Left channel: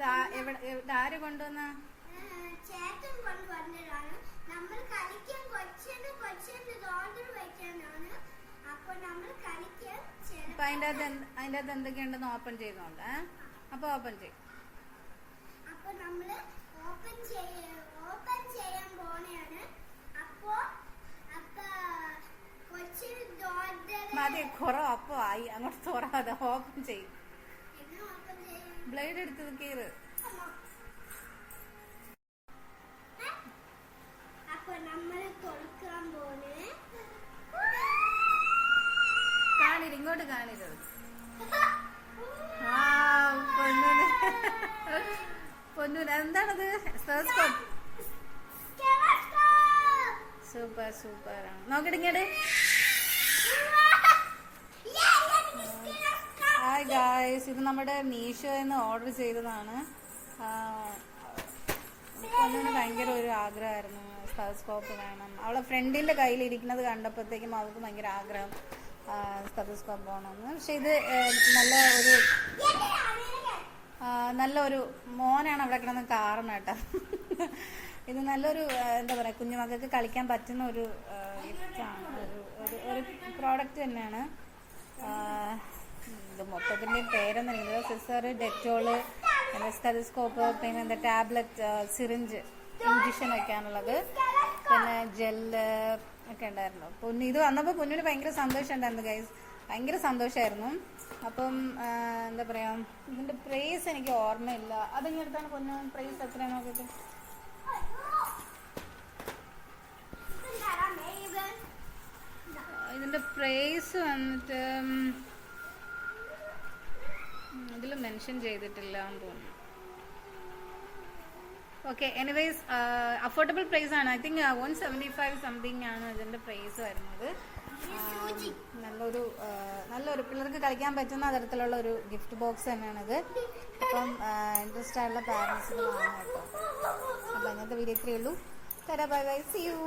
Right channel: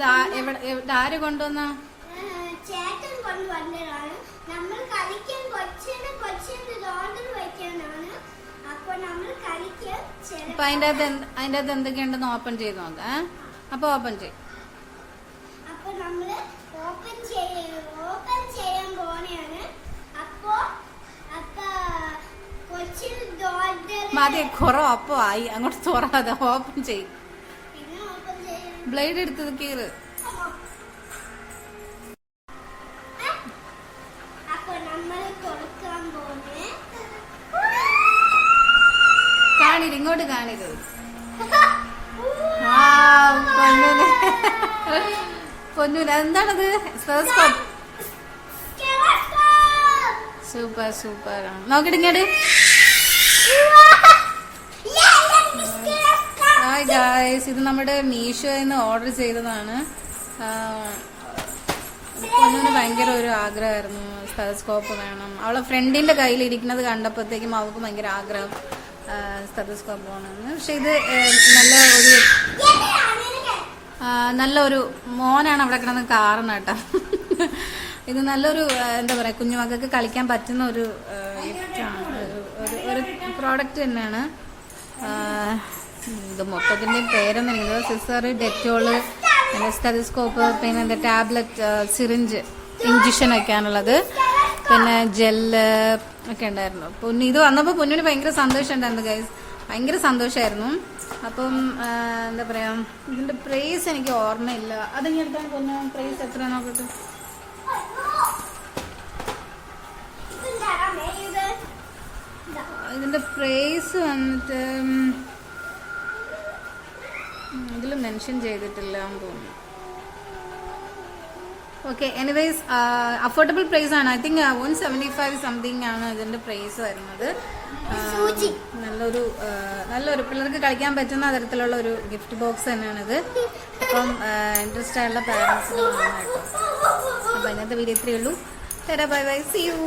ഇത് ആര് കൊണ്ടുവന്ന? ചേട്ടൻ കൊണ്ടുവന്നതാണ്. നമ്മൾ കളിക്കാൻ കൊച്ചിന് ഓർഡർ വെക്കാനാണ്. അപ്പൊ നമ്മൾ കളിക്കാൻ അപ്പൊ അതിന്റെ അകത്ത് എന്തൊക്കെയുണ്ടെന്ന് ഓപ്പൺ ചെയ്ത് നോക്കാം. അപ്പൊ ഓപ്പൺ ചെയ്യും. അപ്പൊ നമ്മള് ഓപ്പൺ ചെയ്യാൻ പോണെയാണ്. അപ്പൊ കൊച്ചിന് മതി, കുറെ ഒപ്പം ആയി. അങ്ങോട്ട് തുറക്കാതെ ഓപ്പൺ ചെയ്യും. ബ്ലേഡ് എടുത്തത് കീറ്. കാണില്ല, ഇങ്ങോട്ട് കാണിത്. പൊന്നൂന് എന്താണത്? സൂപ്പർ സൂപ്പർ ആണ്. നോക്കിട്ട് ഇങ്ങോട്ട്. ഹായ് ഗായ്സ്, ഇത് നമ്മുടെ മീഷോന്ന് ഓർഡർ ചെയ്തതാണ്. പൊന്നൂന് ഭയങ്കര ഒരു ആഗ്രഹമായിരുന്നു സ്റ്റെതസ്കോപ്പ് വേണം. അവളെ ഫ്രണ്ടിന്റെ കയ്യിൽ ഇരിക്കുന്നത് കണ്ടപ്പോഴത്തേക്കും അവൾക്ക് ഭയങ്കര ആഗ്രഹം സ്റ്റെതസ്കോപ്പ് വേണമെന്ന്. പക്ഷെ ഇത് നല്ലൊരു മോനാണ് അവിടെ കിടന്ന് കാരണം കേട്ടോ. ഇത് നല്ലൊരു എന്താ പറയാ, കുഞ്ഞുമക്കൾക്ക് കളിക്കാൻ പറ്റുന്ന ഒരു ഗിഫ്റ്റാണ്, ഒരു പ്രോഡക്റ്റ് തന്നെയാണ്. ഇത് മൊത്തത്തിൻ്റെ പേരൊന്നും എനിക്കില്ല. സിസർ, ഡെറ്റോള്, സ്റ്റെതസ്കോപ്പ്, പിന്നെ എന്താ ടാബ്ലറ്റ്, സിറിഞ്ച്, ഇഞ്ചക്ഷൻ ഒക്കെയാണുള്ളത്. പിന്നെ ജെല്ല് ഒക്കെ ഉണ്ടായിരുന്നു. ഇത് വന്നപ്പോൾ പൊന്നിന് ഭയങ്കര സന്തോഷം ഉണ്ടായിരുന്നു ഗൈസ്, ഭയങ്കര സന്തോഷമായിരുന്നു. അപ്പം എന്താ പറയാ, ഇതിന്റെ പ്രൈസ് എനിക്ക് ഓർമ്മയില്ല. അതെങ്ങനെയാണ് പൊന്നു പ്രൈസ് എത്ര നോക്കട്ടെ. ഇതിന്റെ പ്രൈസ് വന്നിട്ട് ഇതിൽ മെൻഷൻ ചെയ്തിട്ടില്ല എന്ന് തോന്നുന്നു. ഓക്കെ, എനിവേസ് അഫോർഡബിൾ പ്രൈസ് ആണ്. ഐ തിങ്ക് 175 സംതിങ് ആണ് ഇതിന്റെ പ്രൈസ് വരുന്നത്. നല്ലൊരു പിള്ളേർക്ക് കളിക്കാൻ പറ്റുന്ന തരത്തിലുള്ള ഒരു ഗിഫ്റ്റ് ബോക്സ് തന്നെയാണിത്. അപ്പം ഇൻട്രസ്റ്റ് ആയിട്ടുള്ള പാരൻസിന് വാങ്ങാം കേട്ടോ. അപ്പം ഇന്നത്തെ വീഡിയോ ഇത്രയേ ഉള്ളൂ. Bye bye, see U.